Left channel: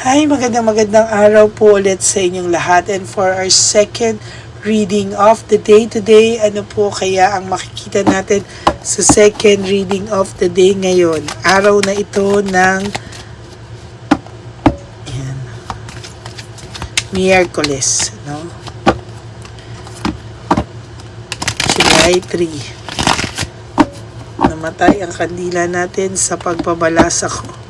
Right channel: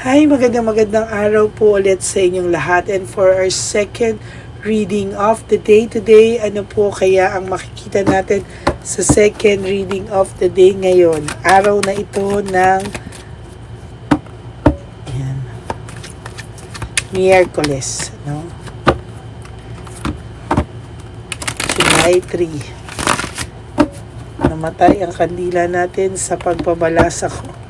Hi, magandang araw po ulit sa inyong lahat, and for our second reading of the day today, ano po kaya ang makikita natin sa second reading of the day ngayon? Araw na ito ng yan, Miyerkules, no? July 3. Namatay ang kandila natin sa pagbabalasa ko.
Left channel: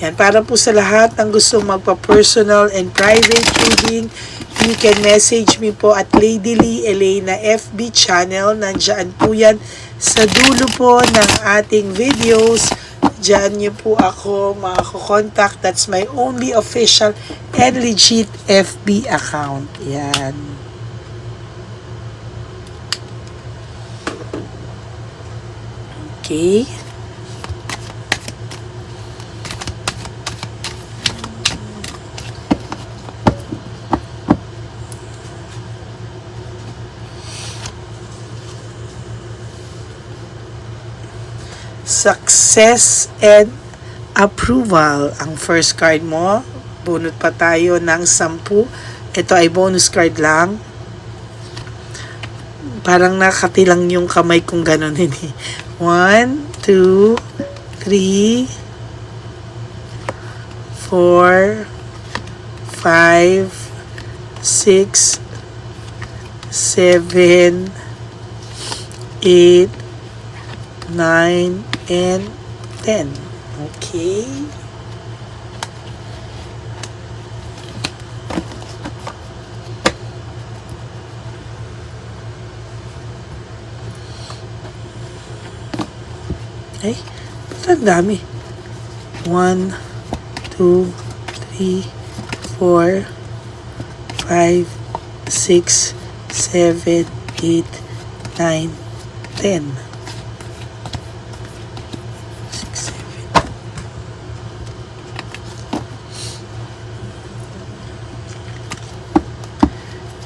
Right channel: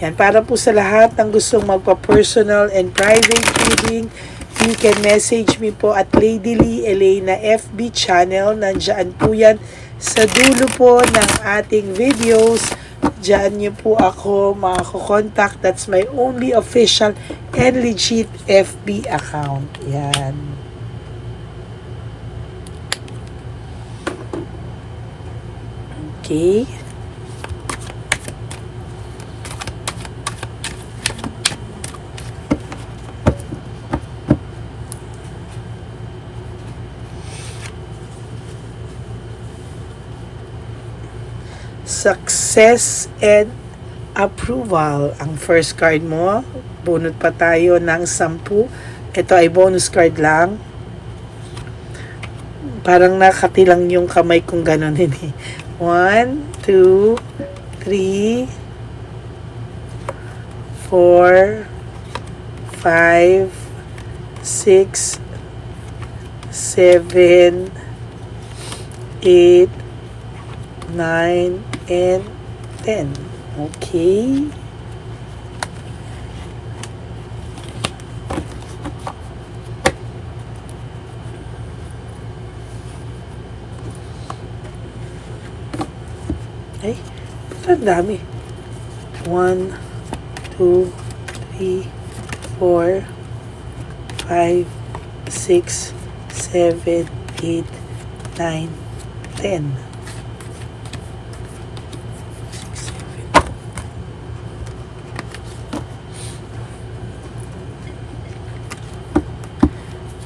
Yan, para po sa lahat ng gustong magpa-personal and private reading, you can message me po at Lady Lee Elena FB channel. Nandiyan po yan sa dulo po ng ating videos. Diyan niyo po ako makakontakt. That's my only official and legit FB account. Yan. Okay. Success and approval ang first card mo. Bunot pa tayo ng 10. Ito ay bonus card lang. Parang nakatilang yung kamay kong ganun. 1, 2, 3, 4, 5, 6, 7, 8, 9, and 10. Okay. Ay, ba't ang dami? 1, 2, 3, 4, 5, 6, 7, 8, 9, 10.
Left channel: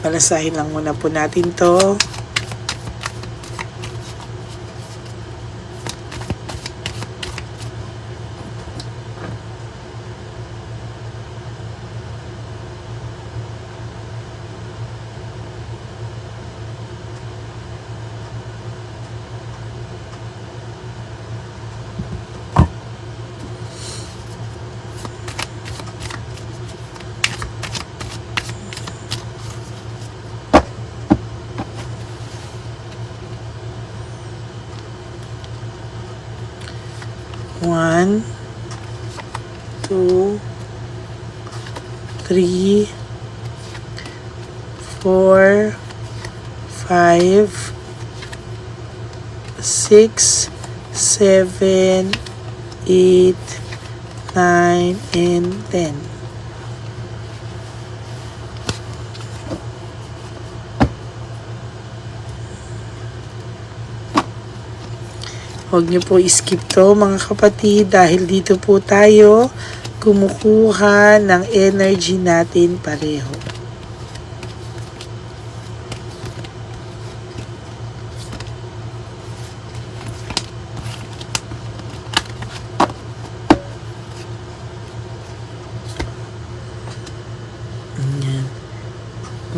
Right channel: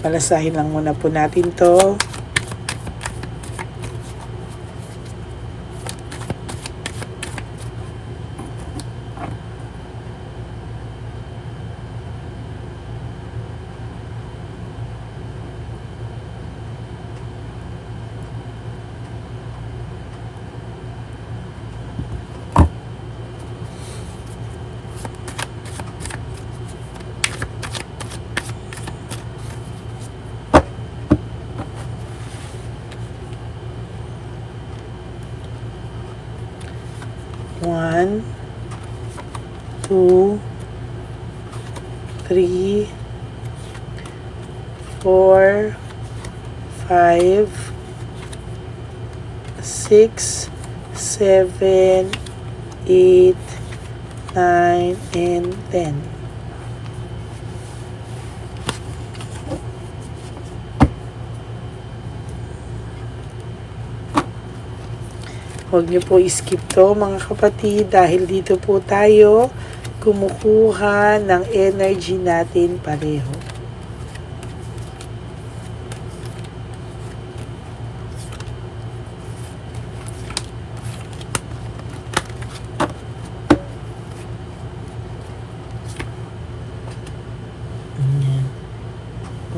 Palasahin lang muna po natin to. One, 2, 3, 4, 5, 6, 7, 8, 9, and 10. Huwag niyo po i-skip to mga kapatid, dahil dito po tayo kumukuha ng energy natin pareho. Ayan.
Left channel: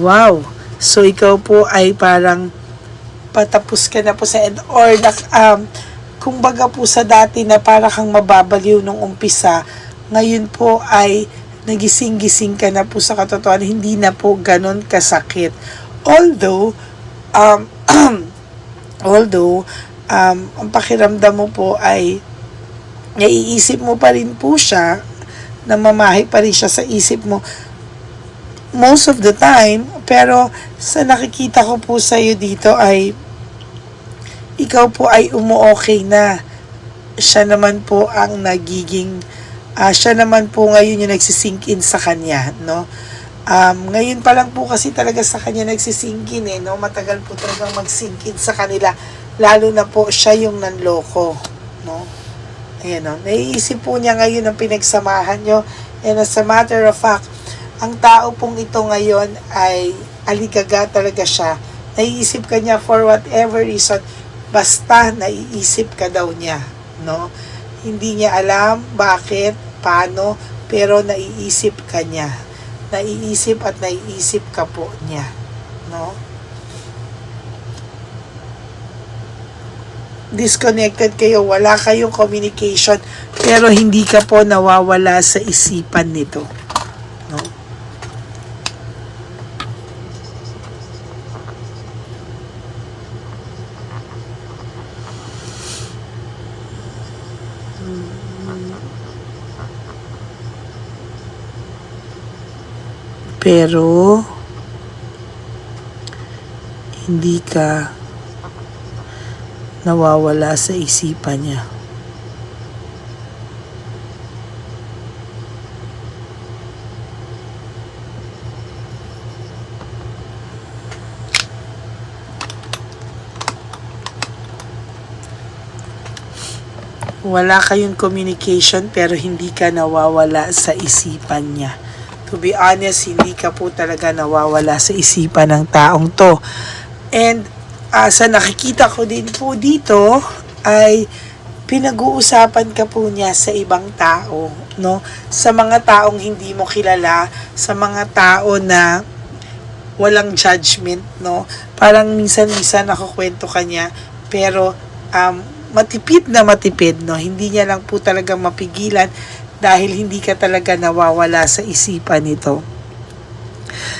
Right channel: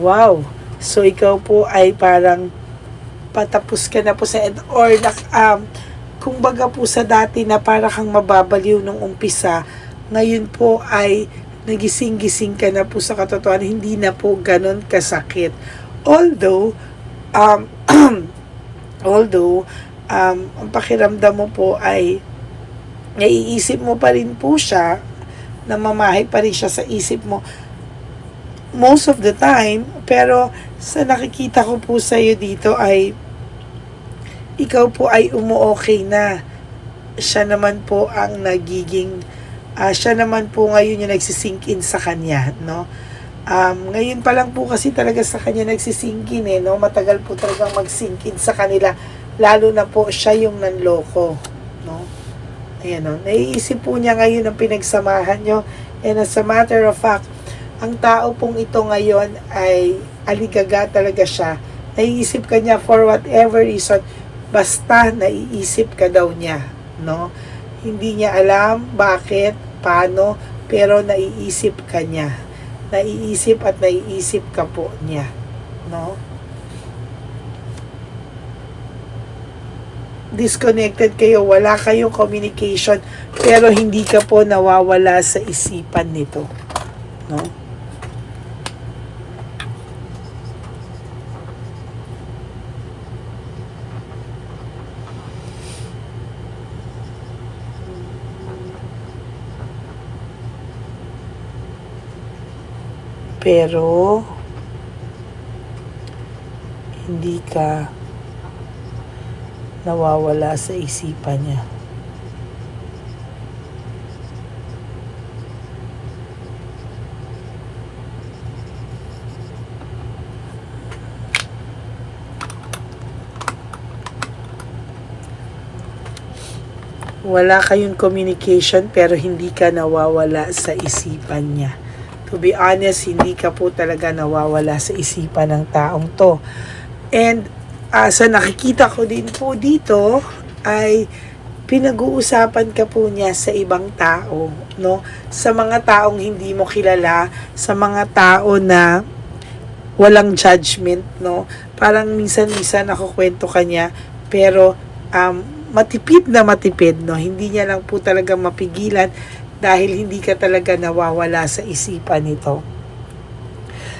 Wow! So ikaw po ay parang patapos ka na po sa end, or kung baga po sa dati na para kang mababaliw nung umpisa, ngayon po ay nagising-gising ka na po sa katotohanan, hindi na po ganun kasakit. Although, ang pakiramdam mo po ay naiisip mo pa rin po siya, namamahay pa rin siya sa isip mo most of the time, pero sa nakikita ko po sa iyo dito ay ikaw po ay umu-okay na. Siya naman po ang nagiging, siya naman po ngayon yung nagsisink in sa kanya, no? Ngayon pa lang po kasi talaga sa kanya nagsisink in, no? Matagal po talagang mag-sink in sa kanila, lalo na po siya yung nanloko, no? Ayan, no? Naiisip po niya ngayon ang pinagsamahan nyo, and as a matter of fact, ang tao pong ito ngayon ay aligaga talaga siya. Naiisip ka niya for whatever reason, basta naiisip ka daw niya, no? Hindi niya alam bakit, paano, pero naiisip ka niya. Naiisip at naiisip ka po niya. No? Disconnected kayo, wala kayong communication, pero hindi ka po nawawala sa isipan nito. No? Pero hindi ka nawawala sa isipan niya. Wala kayong communication pero hindi ka nawawala sa isipan niya. To be honest, hindi ka po talaga nawawala sa isipan ng taong to. And sa nakikita ko din po dito ay pinag-uusapan ka po niya sa ibang tao, no? Sa mga taong hindi mo kilala, sa mga tao na walang judgment, no? Parang minsan-minsan nakukwento ka niya, pero matipid na matipid, no? Hindi niya lang po talaga mapigilan dahil hindi ka talaga nawawala sa isipan nito.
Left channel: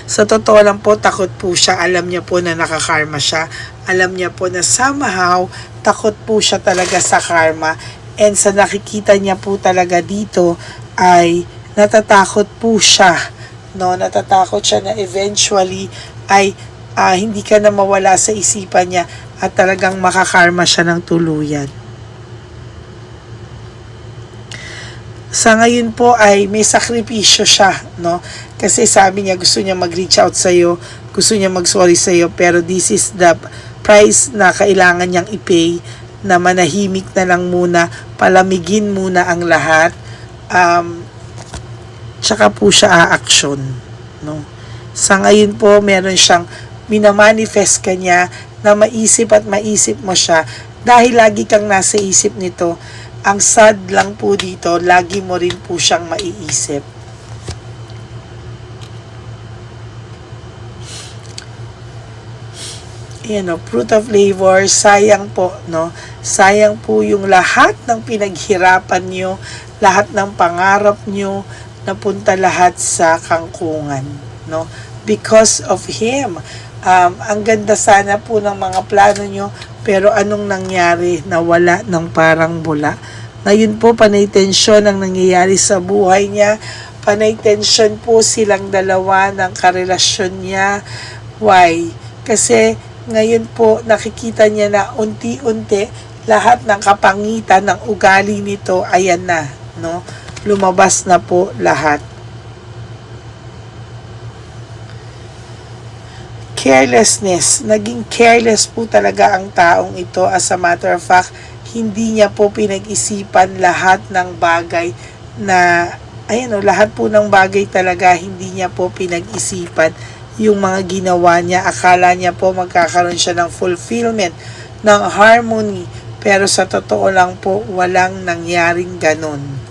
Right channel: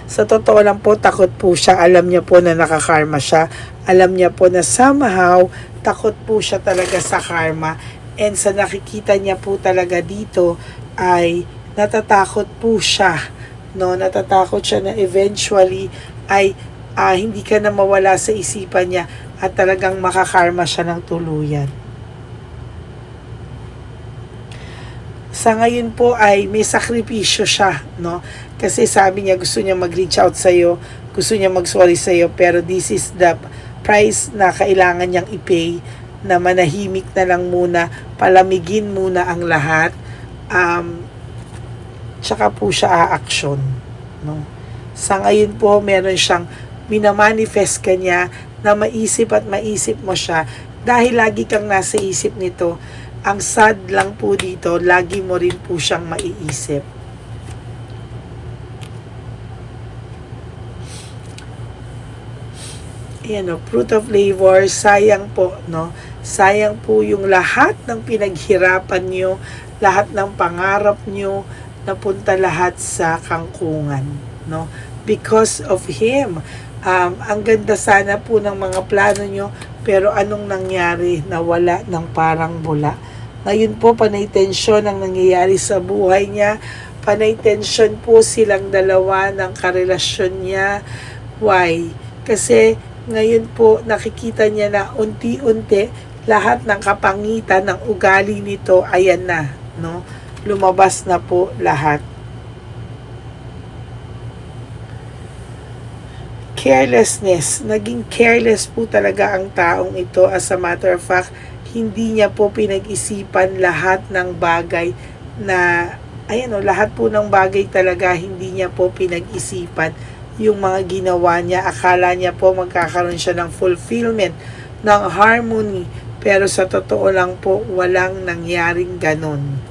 Sa totoo lang po, takot po siya. Alam niya po na nakakarma siya. Alam niya po na somehow, takot po siya talaga sa karma. And sa nakikita niya po talaga dito, ay natatakot po siya. No? Natatakot siya na eventually ay hindi ka na mawala sa isipan niya at talagang makakarma siya ng tuluyan. Sa ngayon po ay may sakripisyo siya, no? Kasi sabi niya gusto niya mag-reach out sa iyo, gusto niya mag-sorry sa iyo, pero this is the price na kailangan niyang i-pay, na manahimik na lang muna, palamigin muna ang lahat, tsaka po siya a-action, no? Sa ngayon po meron siyang minamanifest ka niya na maisip at maisip mo siya dahil lagi kang nasa isip nito. Ang sad lang po dito, lagi mo rin po siyang maiisip. Yan o, fruit of labor, sayang po, no? Sayang po yung lahat ng pinaghirapan nyo, lahat ng pangarap nyo, napunta lahat sa kangkungan, no? Because of him. Ang ganda sana po ng mga plano nyo, pero anong nangyari? Nawala ng parang bula. Ngayon po, panay tensyon ang nangyayari sa buhay niya. Panay tensyon po silang dalawa ng karelasyon niya. Why? Kasi ngayon po, nakikita niya na unti-unti, lahat ng kapangitan ng ugali nito, ayan na, no? Lumabas na po lahat. Carelessness. Naging careless po talaga ang taong ito. As a matter of fact, hindi niya po pinag-isipan lahat ng bagay na, ayan o, lahat po ng bagay talaga hindi niya po pinag-isipan yung mga ginawa niya. Akala niya po magkakaroon siya ng fulfillment, ng harmony, pero sa totoo lang po, walang nangyaring ganon.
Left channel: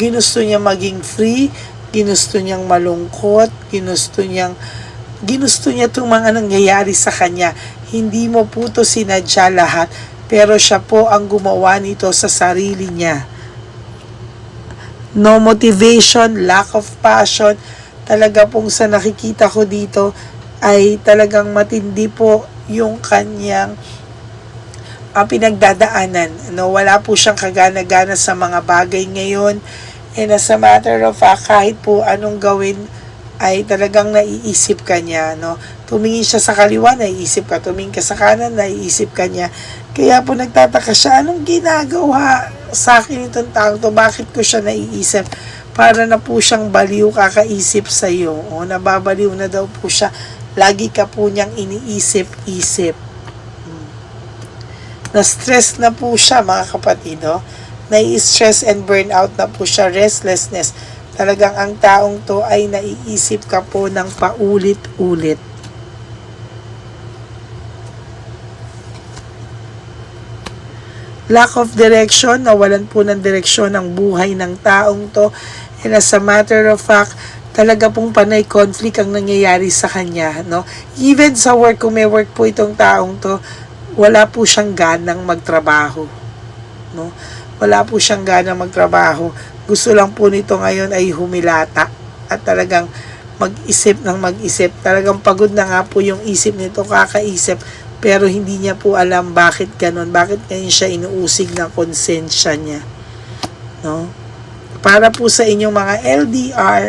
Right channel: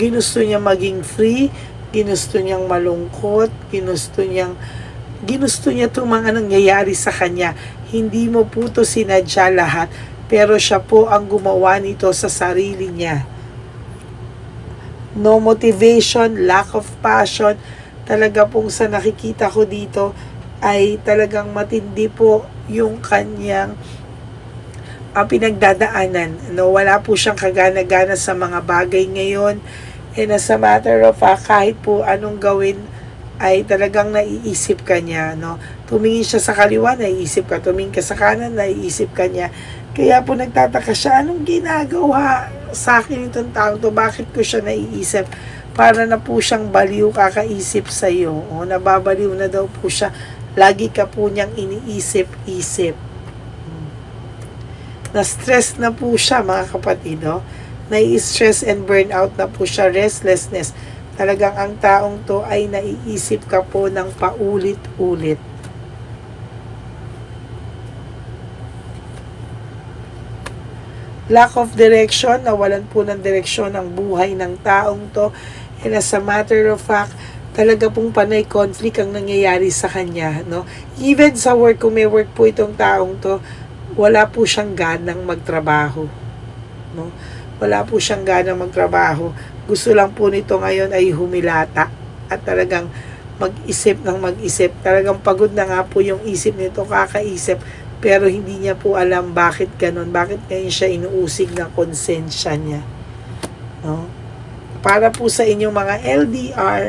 Ginusto niya maging free, ginusto niyang malungkot, ginusto niya itong mga nangyayari sa kanya. Hindi mo po ito sinadya lahat, pero siya po ang gumawa nito sa sarili niya. No motivation, lack of passion, talaga pong sa nakikita ko dito ay talagang matindi po yung kanyang pinagdadaanan. No, wala po siyang kagana-gana sa mga bagay ngayon. And as a matter of fact, kahit po anong gawin ay talagang naiisip ka niya, no? Tumingin siya sa kaliwa, naiisip ka. Tumingin ka sa kanan, naiisip ka niya. Kaya po nagtataka siya, anong ginagawa sa akin itong taong to? Bakit ko siya naiisip? Para na po siyang baliw kakaisip sa iyo. O, nababaliw na daw po siya. Lagi ka po niyang iniisip-isip. Na-stress na po siya, mga kapatid, no? Nai-stress and burnout na po siya, restlessness. Talagang ang taong to ay naiisip ka po ng paulit-ulit. lack of direction, nawalan po ng direksyon ang buhay ng taong to. And as a matter of fact, talaga pong panay conflict ang nangyayari sa kanya, no? Even sa work, kung may work po itong taong to, wala po siyang ganang magtrabaho, no? Wala po siyang ganang magtrabaho. Gusto lang po nito ngayon ay humilata at talagang mag-isip ng mag-isip. Talagang pagod na nga po yung isip nito, kakaisip, pero hindi niya po alam bakit ganun, bakit ngayon siya inuusig ng konsensya niya, no? Para po sa inyong mga LDR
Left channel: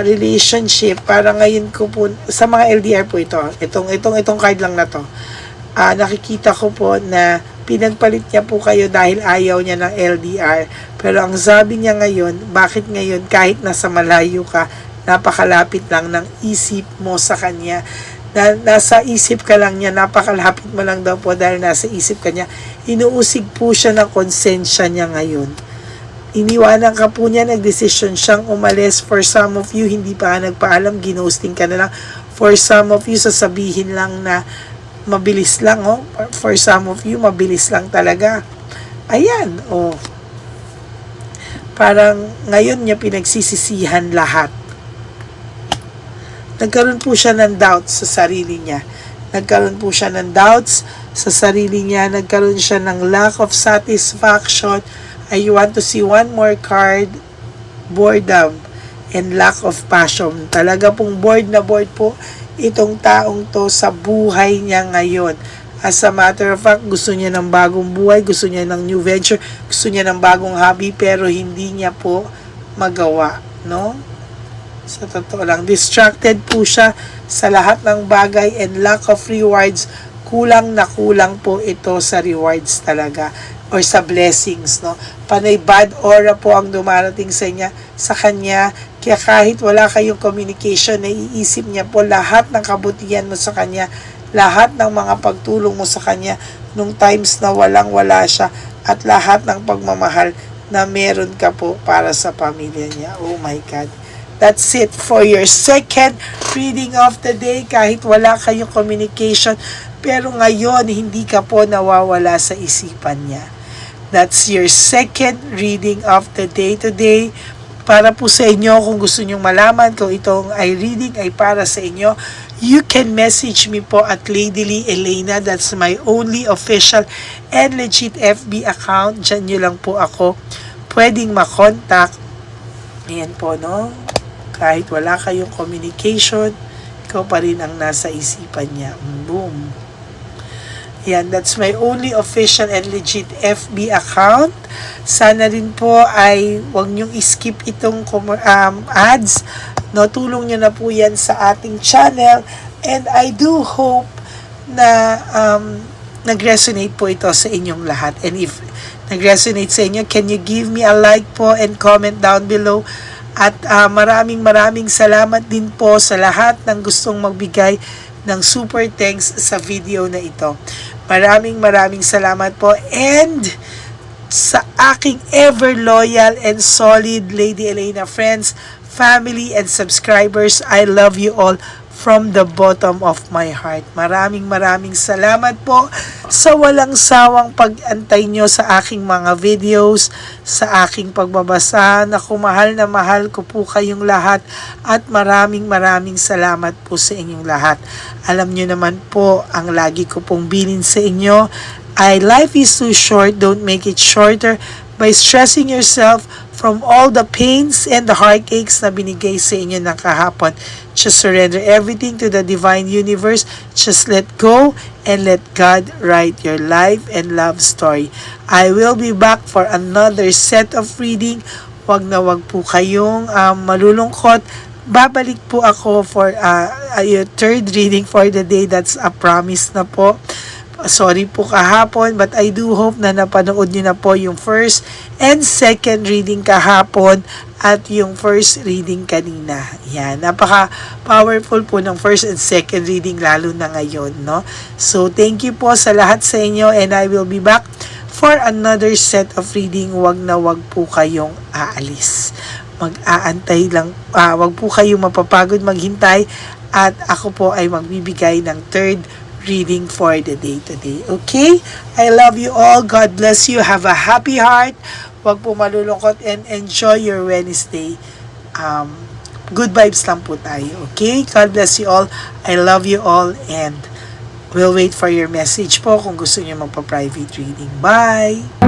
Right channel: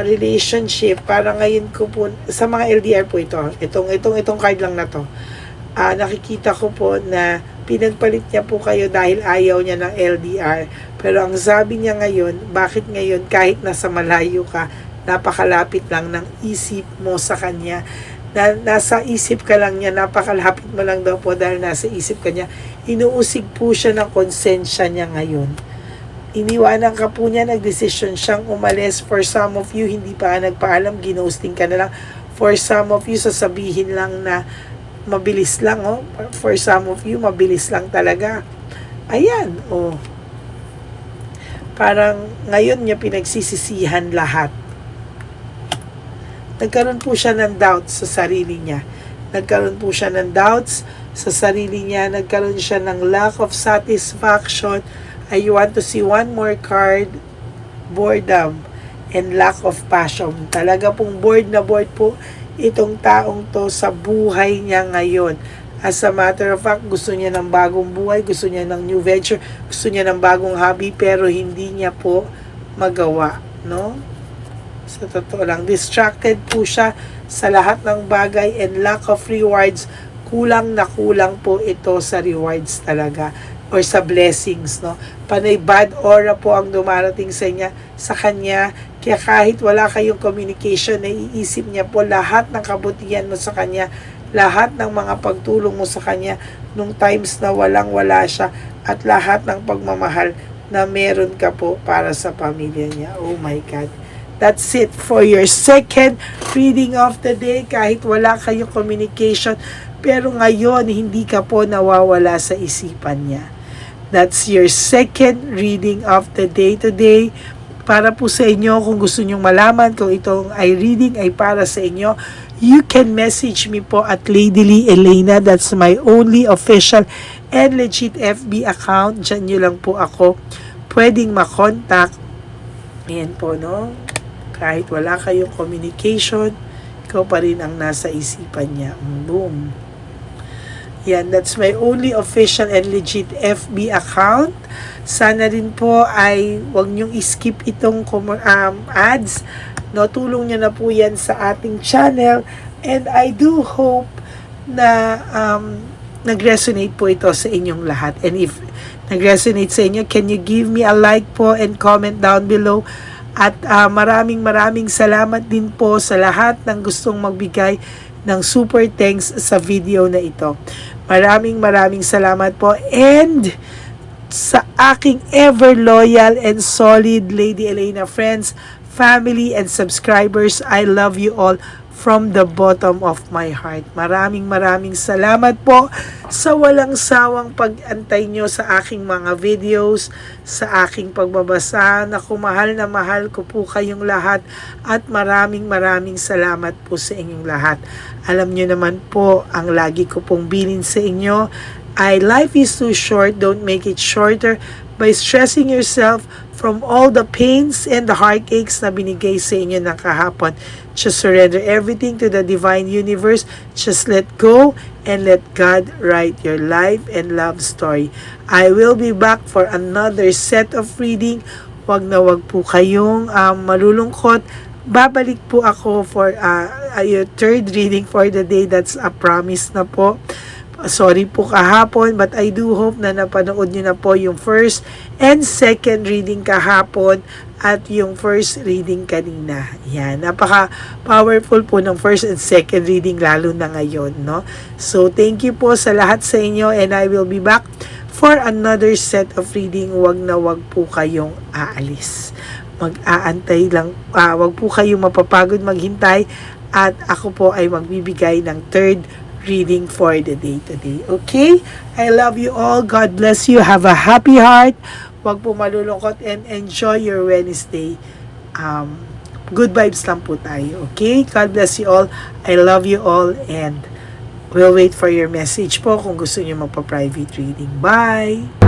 relationship, para ngayon ko po sa mga LDR po itong card lang na to, nakikita ko po na pinagpalit niya po kayo dahil ayaw niya ng LDR, pero ang sabi niya ngayon, bakit ngayon kahit nasa malayo ka, napakalapit lang ng isip mo sa kanya, nasa isip ka lang niya, napakalapit mo lang daw po dahil nasa isip ka niya, inuusig po siya ng konsensya niya ngayon. Iniwanan ka po niya, nagdesisyon siyang umalis. For some of you, hindi pa nagpaalam, ginosting ka na lang. For some of you, sasabihin lang na mabilis lang, oh. For some of you, mabilis lang talaga. Ayan, oh. Parang ngayon niya pinagsisisihan lahat. Nagkaroon po siya ng doubts sa sarili niya. Nagkaroon po siya ng doubts sa sarili niya. Nagkaroon siya ng lack of satisfaction. I want to see one more card, boredom and lack of passion. Talaga pong bored na bored po itong taong to sa buhay niya ngayon. As a matter of fact, gusto niya ng bagong buhay, gusto niya ng new venture, gusto niya ng bagong hobby, pero hindi niya po magawa, no? Sa totoo lang, distracted po siya sa lahat ng bagay and lack of rewards. Kulang na kulang po ito sa rewards talaga, or sa blessings, no? Panay bad aura po ang dumarating sa kanya, kaya kahit wala kayong communication, naiisip niya po lahat ng kabutihan mo sa kanya, lahat ng mga pagtulong mo sa kanya nung times na walang-wala siya, at lahat ng pagmamahal na meron ka po para sa pamilya niya. Oh my God. That's it for your second reading of the day. Kahit wala kayong communication, pero ngayon hindi ka po nawawala sa isipan niya. That's your second reading of the day today. Para po sa inyo, kung gusto nyong malaman kung itong reading ay para sa inyo, you can message me po at Lady Lee Elena. That's my only official and legit FB account. Diyan nyo lang po ako pwedeng makontak. Ayan po, no? Kahit wala kayong communication, ikaw pa rin ang nasa isipan niya. Boom. Yan, that's my only official and legit FB account. Sana rin po ay wag niyong skip itong ads. No, tulong niyo na po yan sa ating channel. And I do hope na nag-resonate po ito sa inyong lahat. And if nag-resonate sa inyo, can you give me a like po and comment down below? At maraming salamat din po sa lahat ng gustong magbigay ng super thanks sa video na ito. Maraming salamat po, and sa aking ever loyal and solid Lady Elena friends, family and subscribers, I love you all from the bottom of my heart. Maraming salamat po sa walang sawang pag-antay nyo sa aking mga videos, sa aking pagbabasa. Naku, mahal na mahal ko po kayong lahat, at maraming salamat po sa inyong lahat. Alam nyo naman po, ang lagi ko pong bilin sa inyo ay life is too short, don't make it shorter by stressing yourself from all the pains and the heartaches na binigay sa inyo ng kahapon. Just surrender everything to the divine universe. Just let go and let God write your life and love story. I will be back for another set of reading. Wag na wag po kayong malulungkot. Babalik po ako for your third reading for the day. That's a promise na po. Sorry po kahapon, but I do hope na napanood nyo na po yung first and second reading kahapon at yung first reading kanina. Yan, napaka-powerful po ng first and second reading, lalo na ngayon, no? So, thank you po sa lahat sa inyo, and I will be back for another set of reading. Wag na wag po kayong aalis. Mag-aantay lang, wag po kayong mapapagod maghintay, at ako po ay magbibigay ng third reading for the day today. Okay? I love you all. God bless you. Have a happy heart. Huwag po malulungkot and enjoy your Wednesday. Good vibes lang po tayo. Okay? God bless you all. I love you all and we'll wait for your message po kung gusto niyo magpa-private reading. Bye!